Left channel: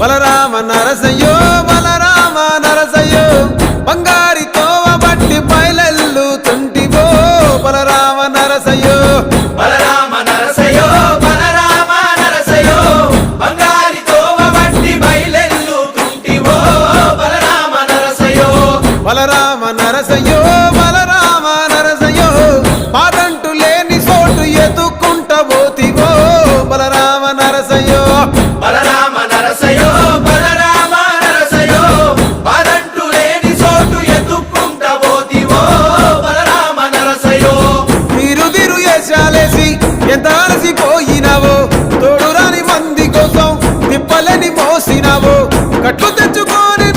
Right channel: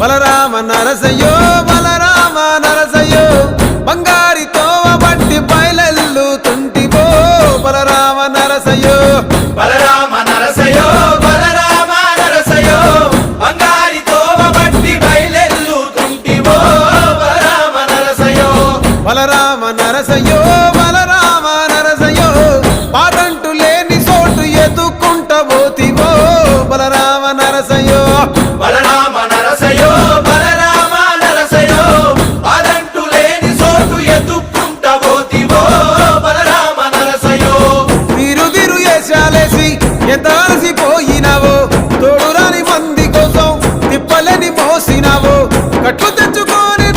బలరామ నరసయ్యో బలరామ నరసయ్యో బంగారి తోవ బట్టి బయలెల్లుతుంటివో బలరామ నరసయ్యో బలరామ నరసయ్యో బలరామ నరసయ్యో బంగారి తోవ బట్టి బయలెల్లుతుంటివో బలరామ నరసయ్యో బలరామ నరసయ్యో బలరామ నరసయ్యో పాదంటు లేని చోటు ఎత్తుకుంటబోతివో బలరామ నరసయ్యో బలరామ నరసయ్యో బలరామ నరసయ్యో పాదంటు లేని చోటు ఎత్తుకుంటబోతివో బలరామ నరసయ్యో తిరు ఏశాలేసి ఎంత అలసిపోయినావో తోడురాని మంది కోసం తిప్పలని మోసినావో కట్లు తెచ్చుకొని